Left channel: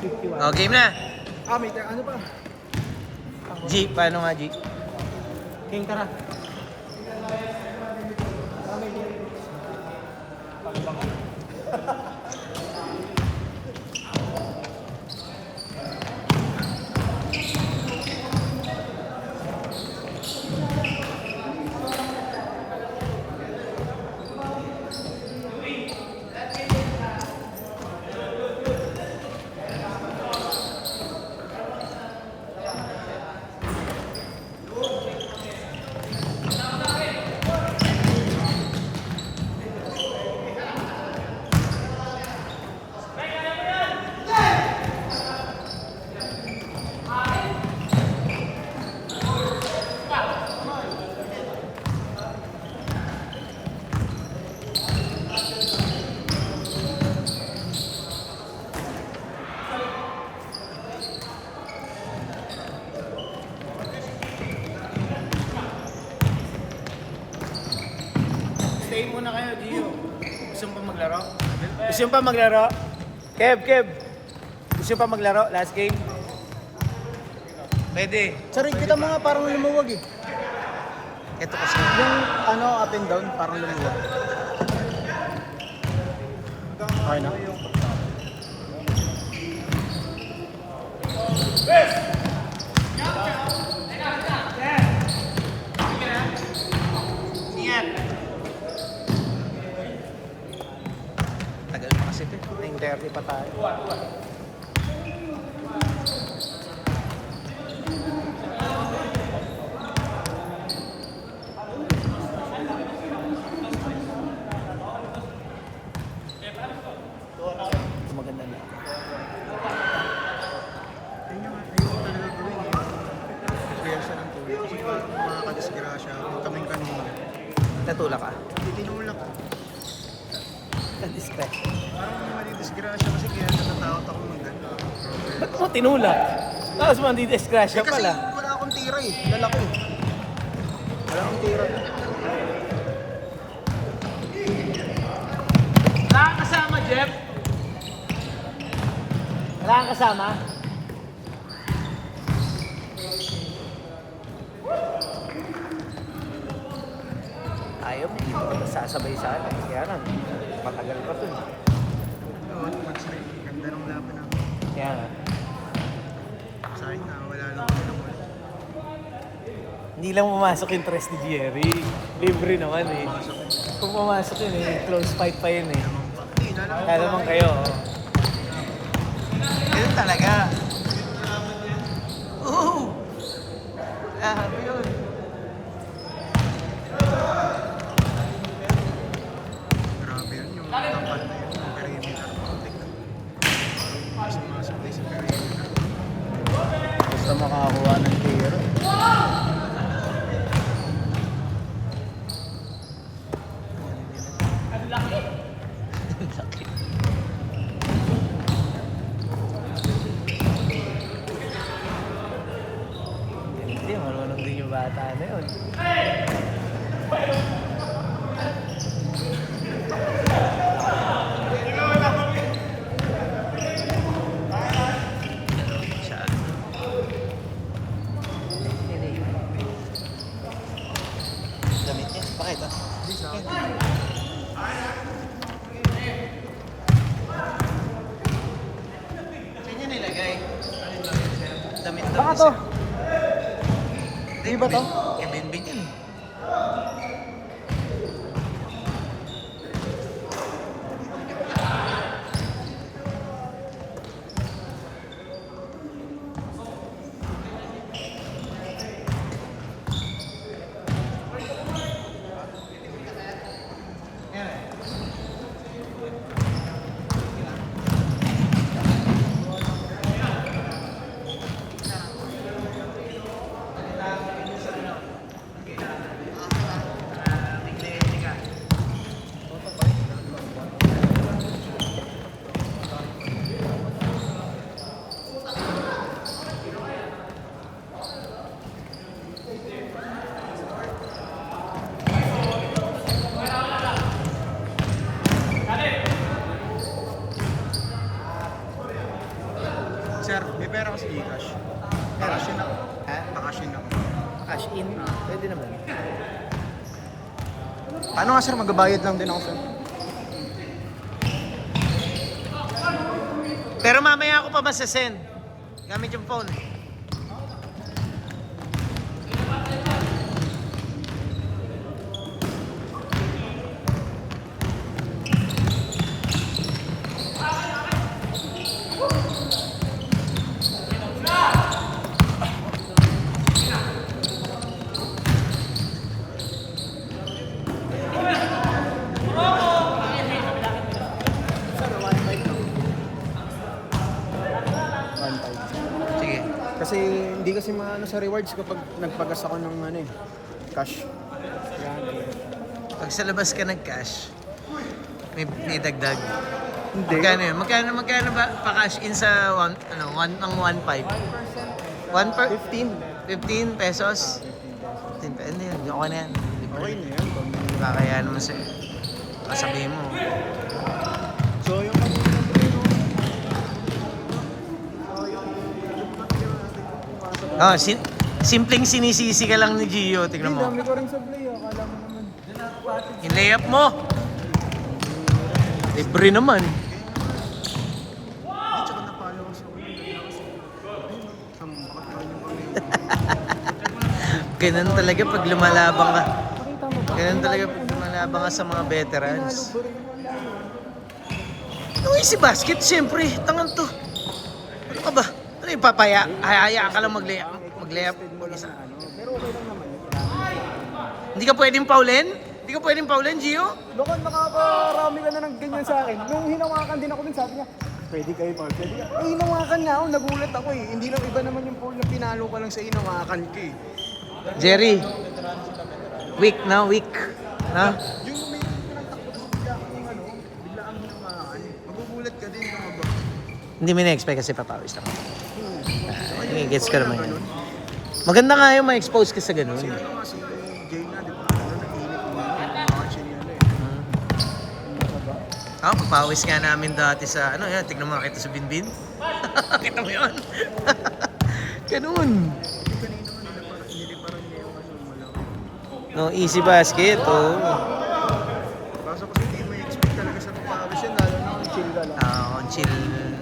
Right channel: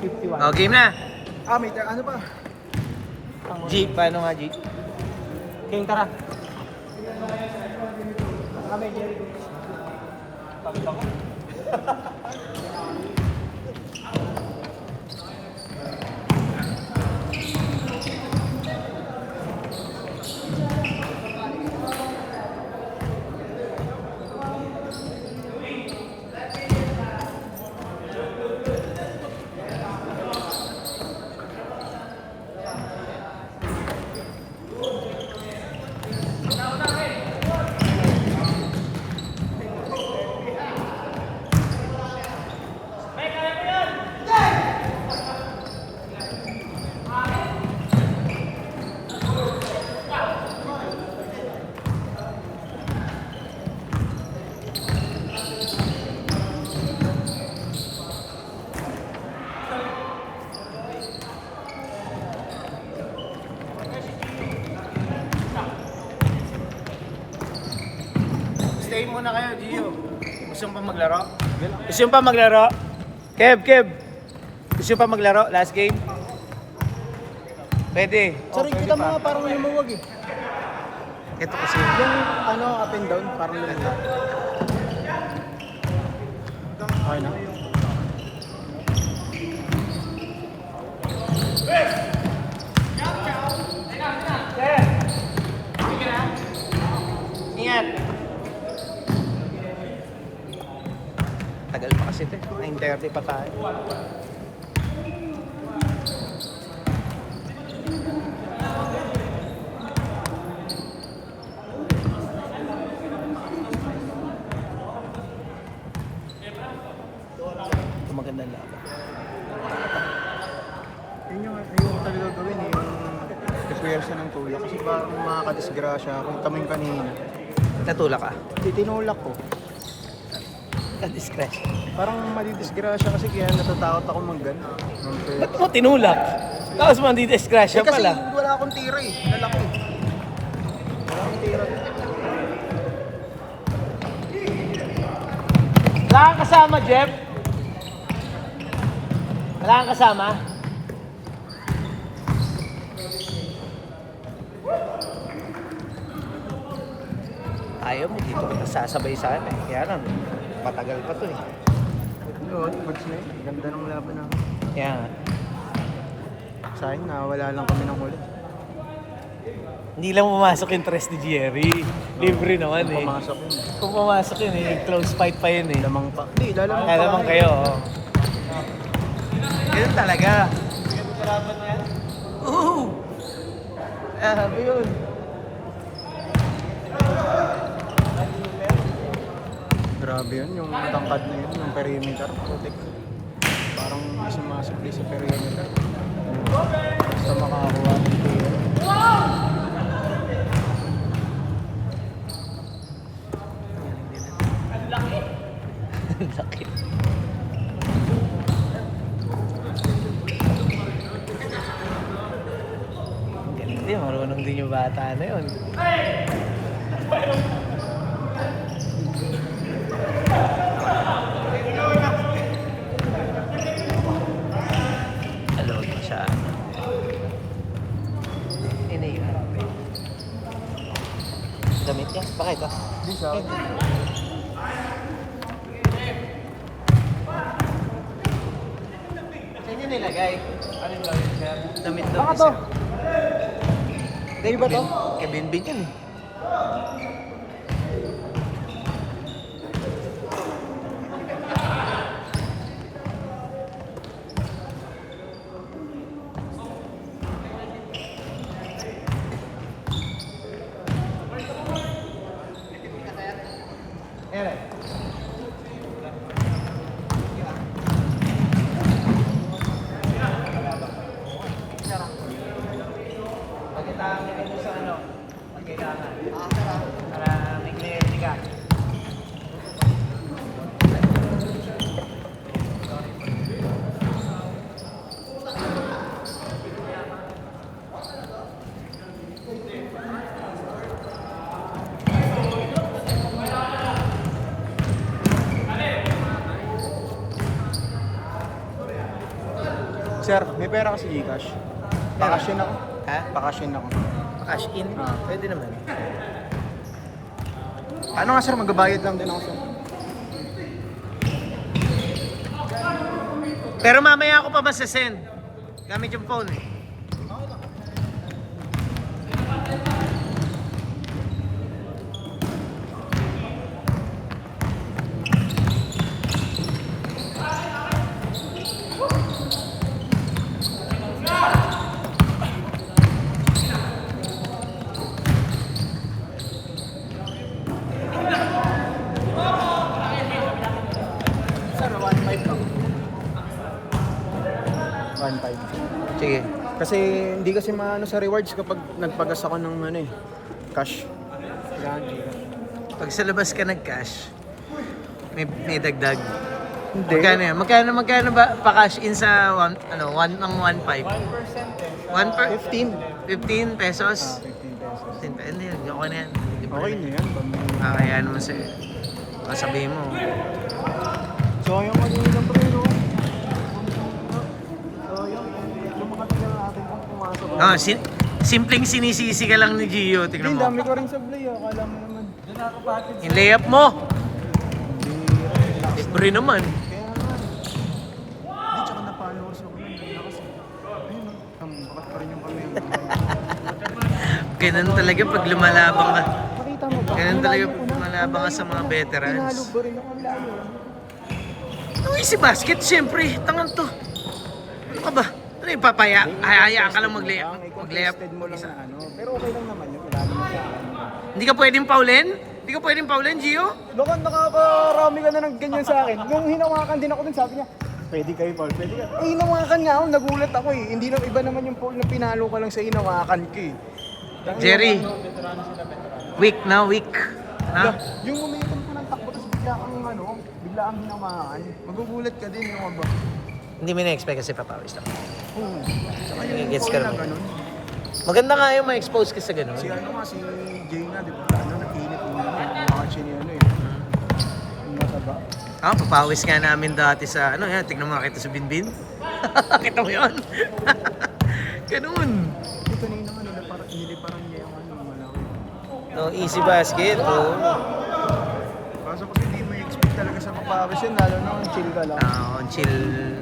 51. Oh, game na. May ano pa? G, paano nga G? Game ka na. Stay muna kayo, Gio. Gusto mo pa maglaro? Gusto mo pa maglaro? Kev. Gusto mo pa maglaro? Last game? Pwede. Sorry, kita mo nga parang lumuwag eh. Ito kasi. Yung ano, up and down, parang Ito. lumuwag. Ingat. Tagal pa kasi ito. 9:30 pa tayo. Maganda na. Yun yung talaga gawin eh. Referensya ng tulak. Kasi parang makakadisgrasya. Kung kaming kanina. Natulak ka? Tinulak ko. Na-discretion. Parang madidisgrasya kasi kaya natatakot ako mag-gana. Ba't mo tinulak? Tapos mo hindi discretion Kasi pala. wala akong tira eh. Lalaki. Wala akong tira. Wala kang kasama, Jeff? Wala kang kasama? Ayaw, hindi mo sasabay sa atin. Kaya lang, patagal pa to eh. Yun, goods na yun. Ganda ng laban na. Yan. Sayang na, wala lang kami ng wala. Hindi lang pumasok yung tres ni Jerry. Libre naman eh. Pumasok yun. Kung pumasok yun eh, close fight pa yun eh. Lamang pa. Hindi, lalamang Kaya pa naman kami. kayo. Oh. Ganun talaga. Oo! Sabi yun. Grabe yun, yung tangkad niya, yung perimeter. Parang sumasakli sa perimeter. Sa makakagawa. Sakit. Hindi, marunong din yung bata na yun. Damit niya, bakit ah? Hindi sa akin. Saan nyo nilagay? Ano yung damit, sir? Damit na. Baka to. Dahil ba to? Bin yun. Sa ano? Kailangan. Sir, may pera kasi Gcash. Bakasyon ako. Bakasyon ako. Cash in? Pwede naman. Paano nga sir, magbabayad lang din ako sir? Pero mamaya ako pa masasend. Gamit yung phone eh. Sige. Kasi hindi kasi maano sa rewards kapag nagpagas ako ng ano eh, cash. Yan. Pag sa labas ka nag-cash, may dagdag. Hindi. Magkano yan? Magkano ba pa-cash in sa 1 ng 1.5? 1 per 15 pesos? 15 pesos. Hindi yan, okay na yan. Hindi pa rin. Kaya naman sa'yo. Sabihin mo. So yung ano yung preno. Sayang. Lumakat niya natin kung pumasok. Simpleng sinisisi ka lang ni Gio. Tingnan mo. Dami ko rin sa play oh. Alam Yung layup mo. Libre naman. Hindi, tsaka napalo kasi ako yun. Ganda kasi. Ayun o. Sambakat pa rin yung kami. Ganun talaga pag lumalabang ka. Ganun talaga pag lumalabang ka sa mga veterans. Ano si basket? Siyempre, tangan to. Ano ka ba? Ano yung papaya? Hayaan ka lang mag-layup. Mag-layup mag-isa. Hindi ka pwedeng paulin? Hindi ka pwedeng paulin, Gio? Baka nakakarami ka na ng ganyan sa akin. Nung hinawakan din ako dun, sabi niya, pwede kayo Paul. Hinawakan nga ako, nagulat ako eh. Hindi na iba naman yung Paul na pinalo ka lang sa hinawakan ko eh. Jerry, weak na, weak. Na? Yung momentum ko ng takbo, tapos bigla kang ano, bigla ang hinawakan. Magugulat ka din, ano ba? Hindi mo na-expect kasi papawis na. Tsaka yung Gets Paul ka na naman. ganun. Maganda nga yung ma-expose ka sa ganun. Si ano nga, si Jay nga, di ba? Ano, nag-init mo na yun. Action yun eh. Papawis nga namin dati sa, tignan mo nga kita sa Binbin. Kita mo yun? Ganun. Kanina nga niliparan niya yung ano, malaki. Yung easy basket, oh. Kaso kasi hindi mo expect talaga sa papawis yun, dahil chill ka lang.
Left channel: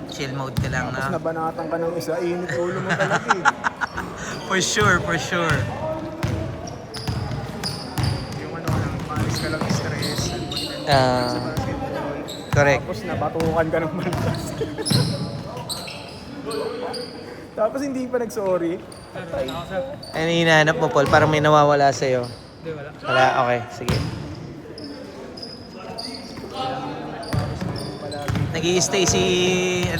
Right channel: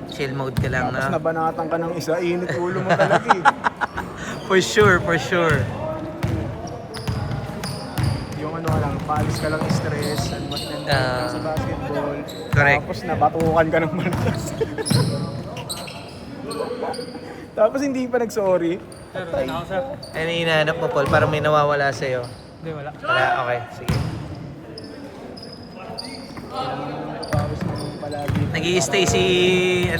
Chill mode ka lang Tapos na. nabanatan ka ng isa, init ulo na talaga eh. For sure, for sure. Yung ano ka lang, palis ka lang stress, ano ba hinantay sa basketball. Correct. Tapos napatukan ka ng malas. Tapos hindi pa nag-sorry. Ano yung hinahanap mo, Paul? Parang may nawawala sa'yo. Hindi, wala. Okay, sige. Nag-i-stay si,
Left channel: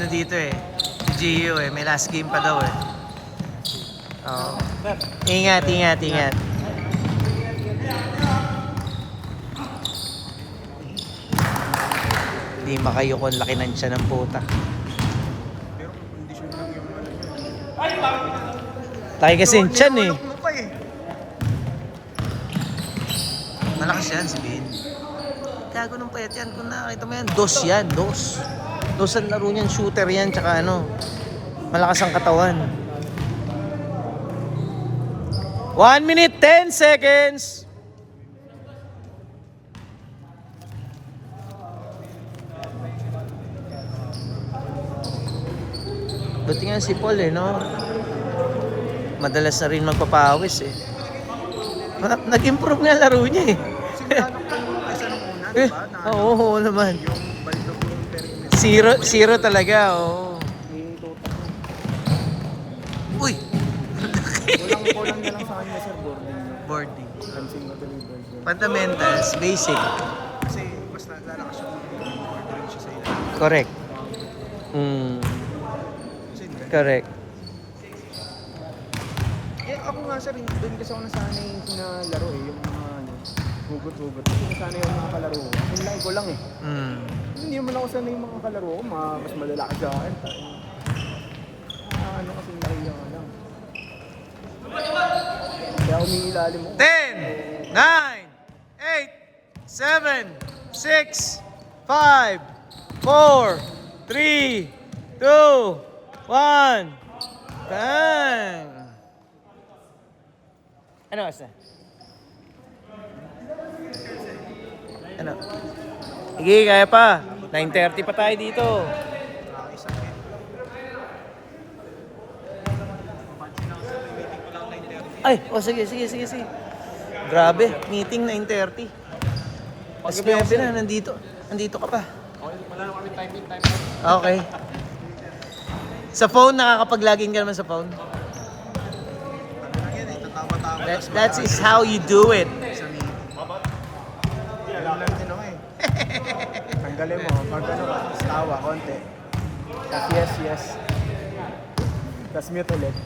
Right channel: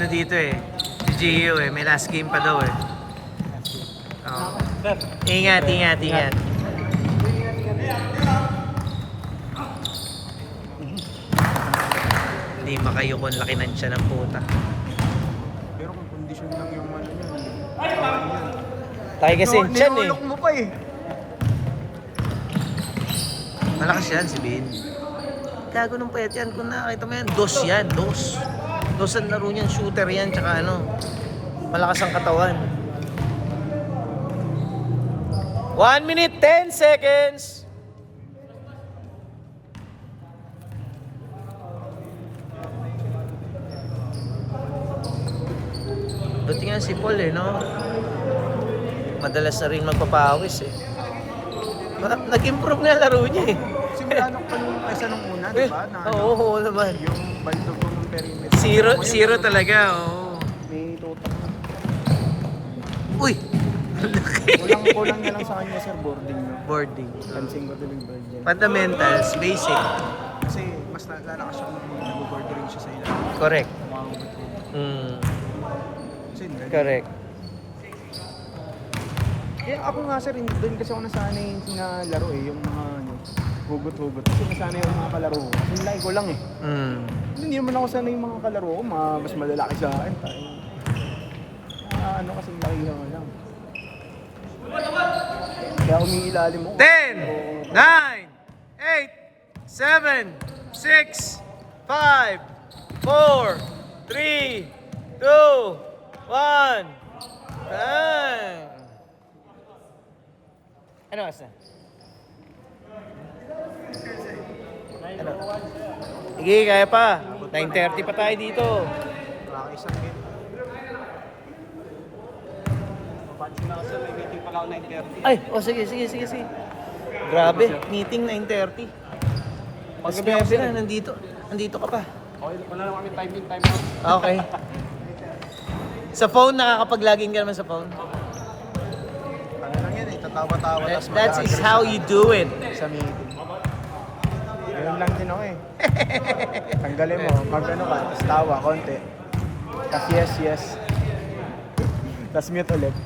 dito eh. Si Gio eh. May last game pa daw eh. Oo. Ingat. Hindi makayukon, laki ng siya ng puta. Pero kung condition lang yung ano yun. Tayo kasi yung tiyan eh. Nilolok mo pa eh. Malakas yan si Bin. Gago ng payat yan. Kung nakakita mo yan, dos yan. Dos ang laro niyan, shooter yan, tsaka malakas ang katawan. 1 minute, 10 seconds! Buti nga si Paul eh, no? Madalas na rin magpapawis eh. Nag-improve nga laro niya eh. Simula nung kaysa nung una, di ba? Na ano, Oo naman. yung baldo ko yung perimeter. Zero talaga, oo. May total. Uy! Laki! Kulang din sa kanya sa boarding. Boarding. Fencing ko yung boarding. Fundamentals, basic. Kasi mas lalakas siya kung nag-board rin siya sa ilalim. Correct. Umabot ko. Kasi galing. Correct. Ako nga sir, doon kasi ako nasanay na laro eh, yung mga hugot-hugot. Kasi nasanay ako mga kalaro ko. Yung like ko lang eh. Hindi naman ako sanay yung mga kalaro ko, mas malalaki sa akin. Ano kasi naiyan mo lang. Kaya umiilalim mo. 10, 9, 8, 7, 6, 5, 4, 3, 2, 1. Bang! Ano basta? Ano? Sige, kaya pa. 9:30 pa tayo dito. Nakakaisang hit. Mapansin lang sa hindi pa lang 9:30. Ay, sige. Grabe, meeting 9:30. Mas 9 na, nandito ka pa. Wala na kami time. Okay. Sa phone, nakakapag-login ka naman sa phone. Ano lang yan eh, tatawa-tawa tapos That is how you do it. sa meeting. Alam lang din ako eh. Tanggalin mo. Tapos tawa, konti. Tapos yes. Tapos mute ulit.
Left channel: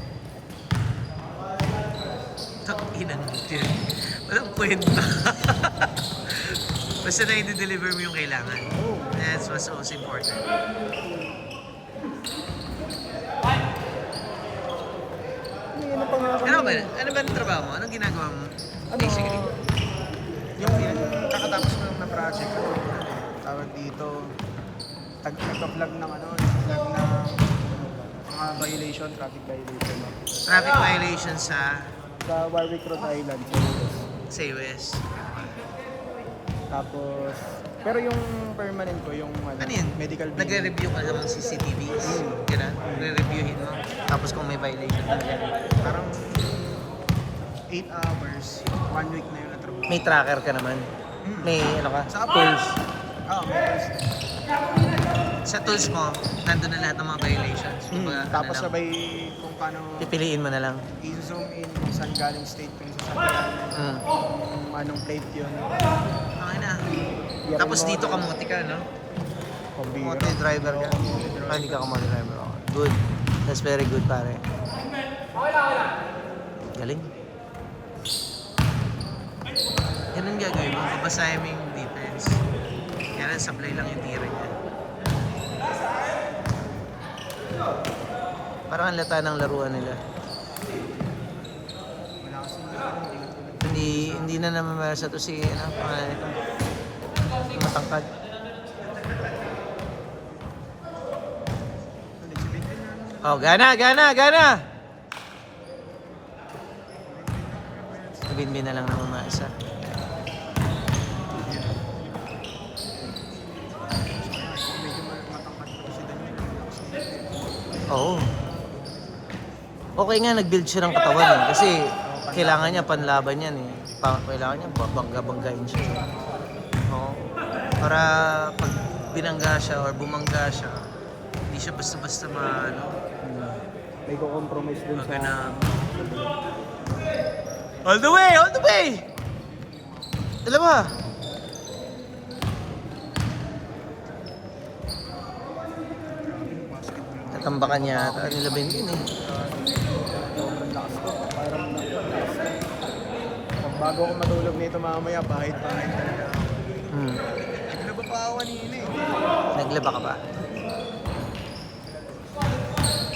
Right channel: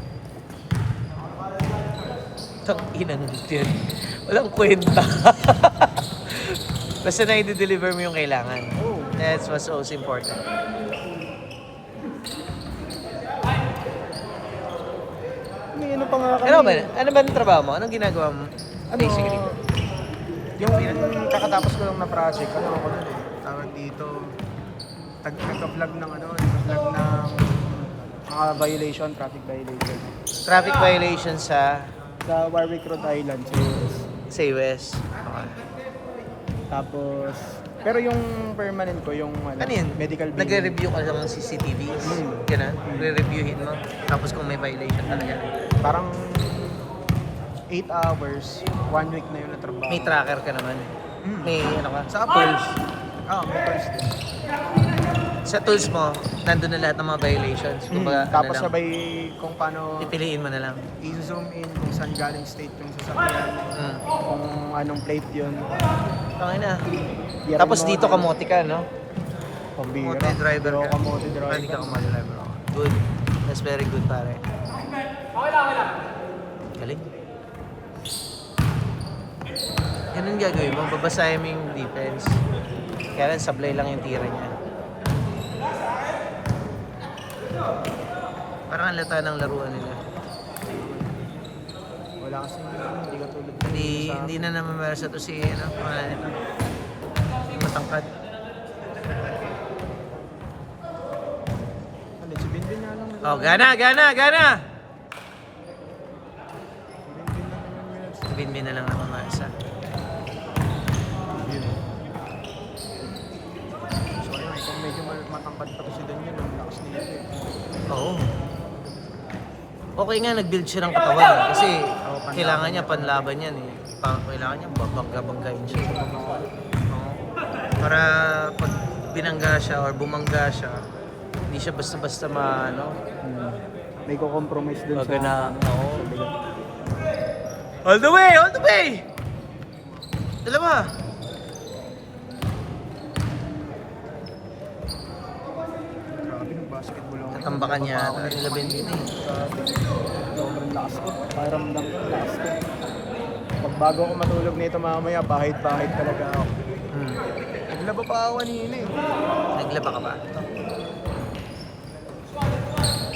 Takinang yun. Walang kwenta. Basta na i-deliver mo yung kailangan. That's what's also important. Ano ba ang trabaho mo? Anong ginagawa mo? Basically. Yung kakatapos ko lang na project, ano ako nun eh. Tawag dito, nagka-vlog ng mga violation, traffic violation. Traffic violation sa Warwick Road Island. US. Tapos, pero yung permanent ko, yung Ano yun? medical bill. Nagre-review ka sa mga CCTVs. Ganun. Re-reviewin mo. Tapos kung may violation talaga. Parang 8 hours, 1 week na yun na trabaho. May tracker ka naman. Mm. May ano ka? Sa Apples. May Apples. Sa tools mo, nandun na lahat ng mga violations. Kumbaga, ano Tapos lang. sabay kung paano Pipiliin mo na lang. i-zoom in kung saan galing state yung sasakyan, kung anong plate yun. Okay na. Tapos dito kamote ka, no? Kamote driver ka. Ah, dito kamote driver. Good. That's very good, pare. Galing. Ganun gagawin mo. Babasahin mo yung defense. Kaya lang, sablay lang yung tira niya. Parang ang lata ng laruan nila. Wala kasi ulat-ulat. Hindi na namamasa to si, pangalan nito. Matangkad. Oh, gana! Bin na lang ang mga isa. So ayun, kung medyo matangkad pa si Daniel, ang lakas niya. Oo. Okay nga, nag-build siya ng katawan kasi panlaban kailangan niya niya panlaban yan eh. Kailangan niya bangga-banggain siya. Oo. Para pag binangga siya or bumangga siya, hindi siya basta-basta May kukompromise dun baga na, oo. All the way! Alam mo, Grabe ng basketball ako. tambakan niya Nababa ako na nila Ben yun eh. Bago ako matulog nito mamaya, pahit-pahit talaga ako. Naglaba pa ako kanina eh. Naglaba ka ba?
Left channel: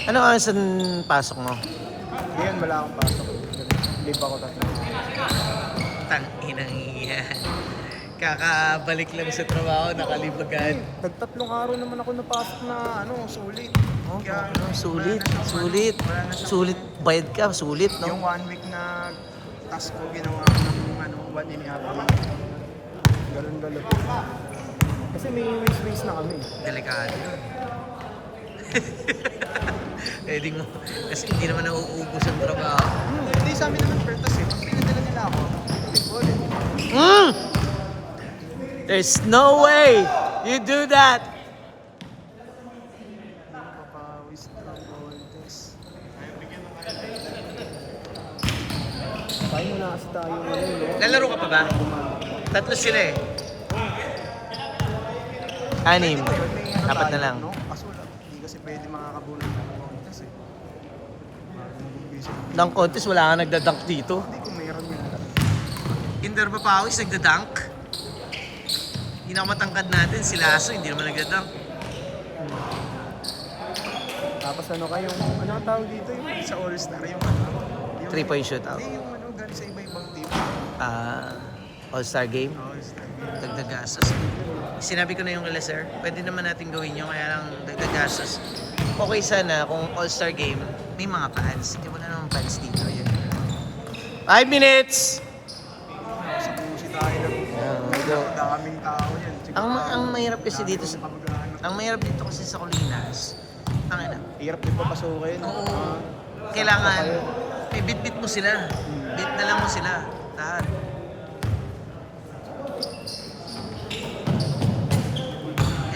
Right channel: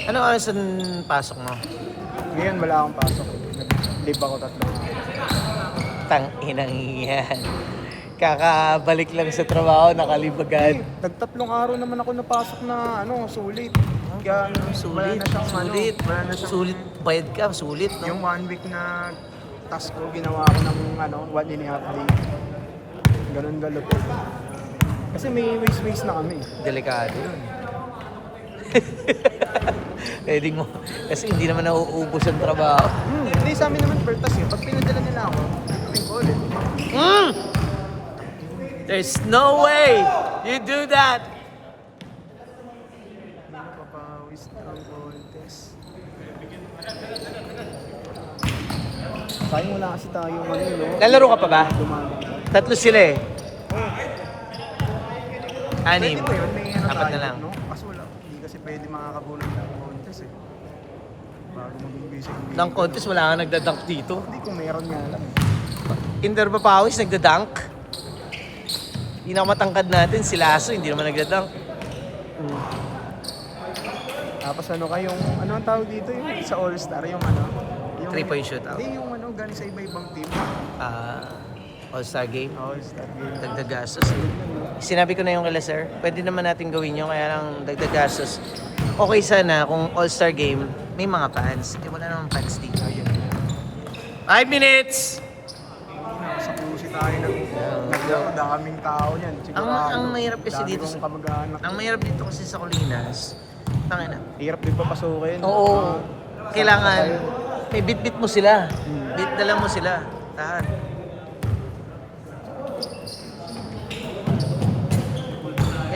Ano ang saan pasok mo? Ngayon wala akong live ako tatlo. Tanginang yan. Kakabalik lang sa trabaho, nakalibagad. Nagtatlong araw naman ako napasok na sulit. Kaya Sulit, sulit. wala na siyang, Sulit, bayad ka, sulit. No? Yung 1 week na task ko, ginawa ko ng 1.5 week. Ganun. Kasi may ways na kami. Delikado yun. Pwede mo. Kasi hindi naman nauubos ang trabaho. Hindi sa amin naman per task eh. Pag pinadala nila ako, gawin ko ulit. There's no way you do that. Hindi na papawis ng contest. Kaya na kasi tayo ngayon. Lalaro ka pa ba? Tatlo sila eh. Anim. Pwede ba yun? May Apat tayo, na lang. no? Kaso wala. Hindi kasi pwede makakabunan ng contest eh. Bago mag-umpisa yung Ng contest, wala ka nagdadunk dito. Hindi ko meron yung... Kinder Papawis, nagdadunk. Hindi na matangkad natin, si Lasso, hindi naman nagdadunk. Tapos ano kayo? Anong tawag dito yung sa All-Star? Yung Yung, 3-point shootout. Hindi, yung galing sa iba-ibang team. All-Star game. All-Star. Dagdag gastos. Sinabi ko na yung kala sir, pwede naman natin gawin yun, kaya lang dagdag gastos. Okay sana kung All-Star game, may mga fans. Eh, wala namang fans dito. 5 minutes! Sa QC tayo naglaro, daming tao yan. Ang mahirap kasi dami dito kong kamag-anak. Ang mahirap dito kasi sa Colinas, tangina. Hirap din papasukin. Oo. Kailangan, may bit-bit mo sila. Dala mo sila. Lahat.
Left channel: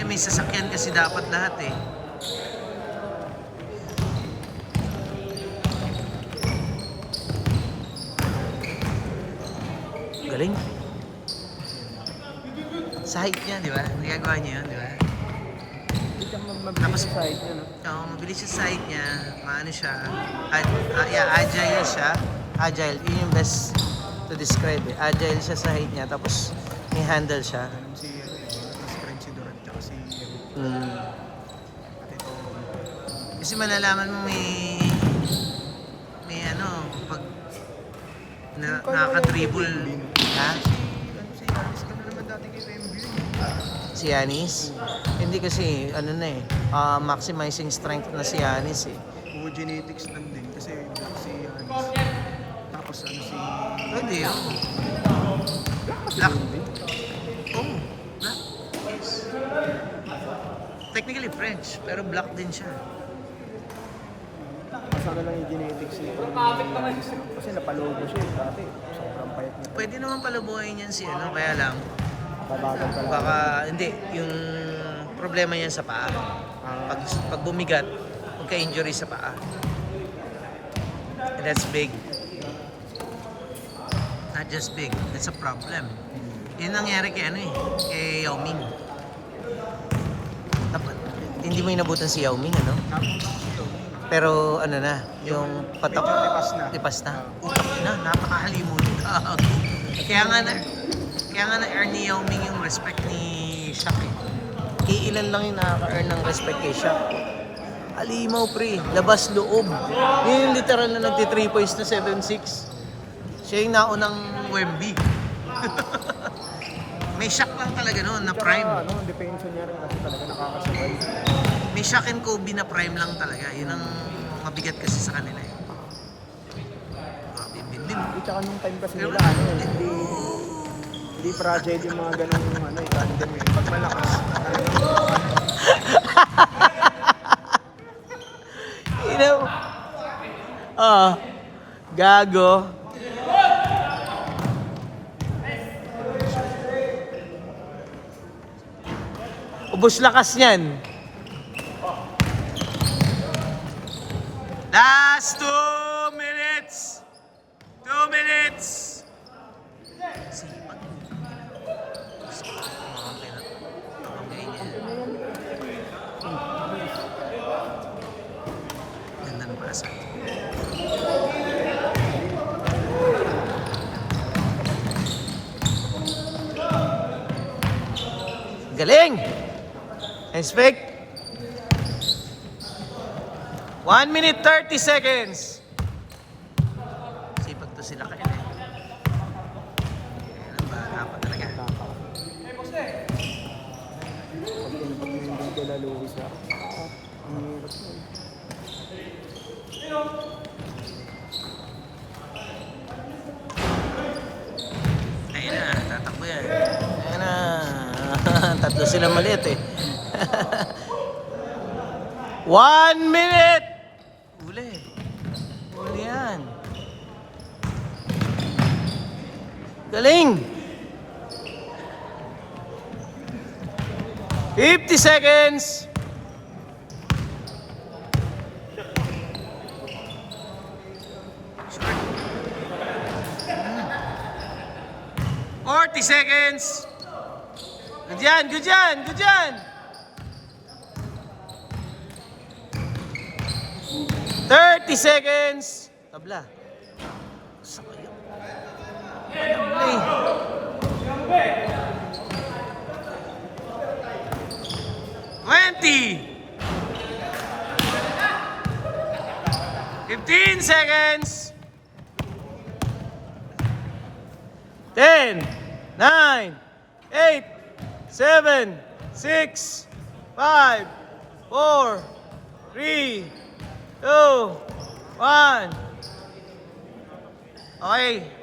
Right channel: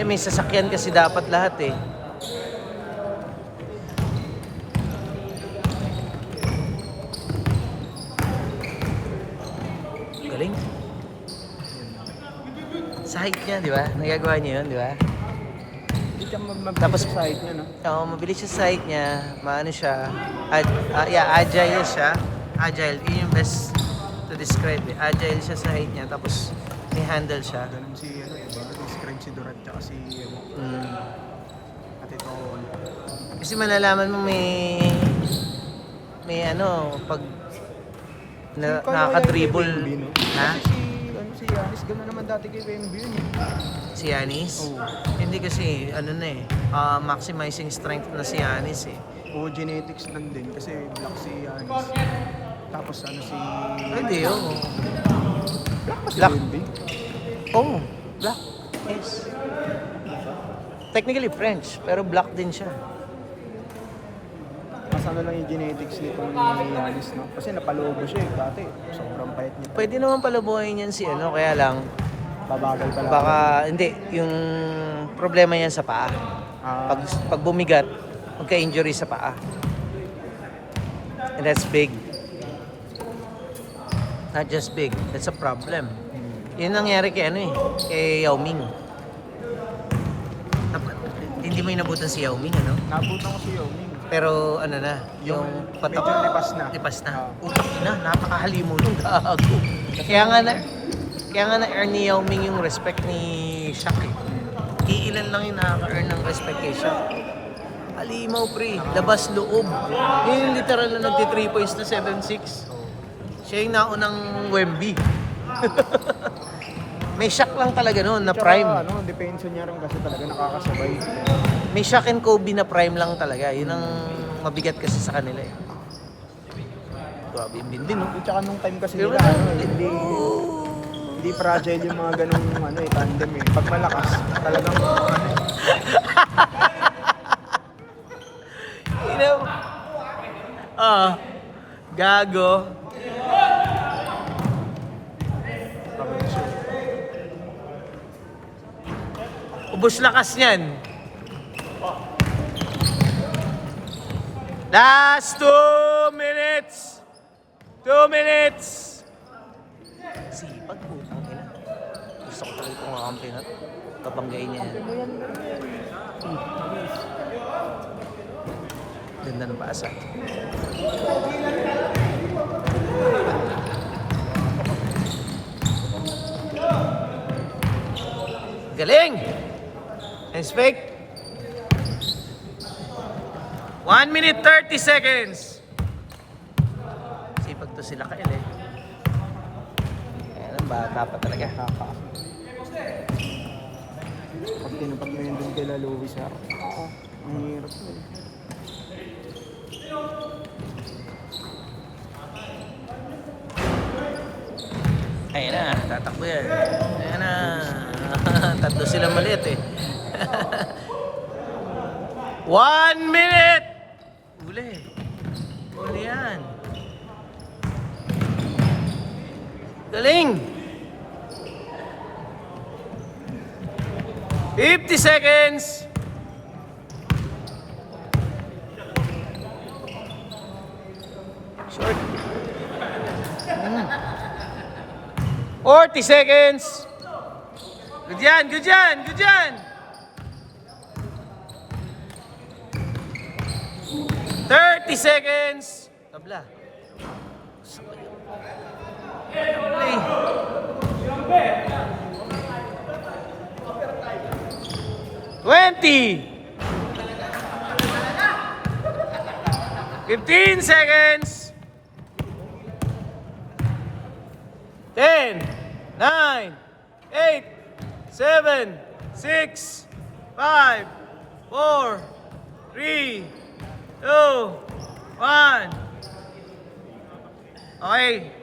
Eh, may sasakyan kasi dapat lahat eh. Galing. Sa height niya, di ba? Nagagawa niya yun, di ba? Tapos, mabilis yung side niya, maano siya, agile siya. Agile, yun yung best to describe. Agile siya sa height niya, tapos may handle siya. Ganun si, diba? Describe si Durant tsaka si, at ito. Kasi malalaman mo may pag nakaka-dribble. Ha? Si Giannis, doon na naman dati kay Wembley. Si Giannis? Hindi kasi, maximizing strength na si Giannis eh. O genetics lang din kasi black si Giannis. Tapos si... Hindi, oo. Black. Oo, black. Technically French, pero black din siya. Sana lang yung genetics nito. Kasi napalobo siya dati. Sobrang bait niya. Pwede naman palabuhayin yan si kaya lang, Babagal pa. baka, hindi, yung problema yan sa paa. Pag bumigat, magka-injury sa paa. And that's big. Not just big, that's a problem. Yun nangyari kay kay Yao Ming. Hindi mo inabutan si Yao Ming, Nabutan ko si Yomi. Pero Yung medyo lipas na. Lipas na. Utak na, napakahalimu nung gago. Kaya nga na-earn ni Yao Ming yung respect ni Shaq eh. Iilan lang yung nakaka-earn ng respect kay Shaq. Halimaw pre, labas loob. Yun yung literal na nagti-3 points na 7-6. Siya yung naunang Wemby. May Shaq lang talaga noon na prime. Depensa niya raw kasi talaga nakakasabay. May Shaq and Kobe na prime lang talaga. Yun ang mabigat kasi sa kanila eh. Grabe din. Tsaka nung time kasi Pero nila, hindi fragile yung mga ganun tandem eh. Pag malakas, talagang Gago. Ubus lakas niyan. Last 2 minutes. 2 minutes. Sipag mo. Gusto ko rin kung ang pinapabanggain niya. Ganda ng pasa. Galing! Inspect. 1 minute 30 seconds. Sipag to sila kail eh. Ayan, bata pa talaga. Yung kila Lewis eh. Ang Ayan na, tatakbo yan. Ayan na. Tatlo sila maliit eh. 1 minute! Uli. Uli yan. Galing! 50 seconds! Short. 40 seconds! Good yan, good yan, good yan! 30 seconds! Tabla. 20! 15 seconds! 10! 9, 8, 7, 6, 5, 4, 3, 2, 1. Okay.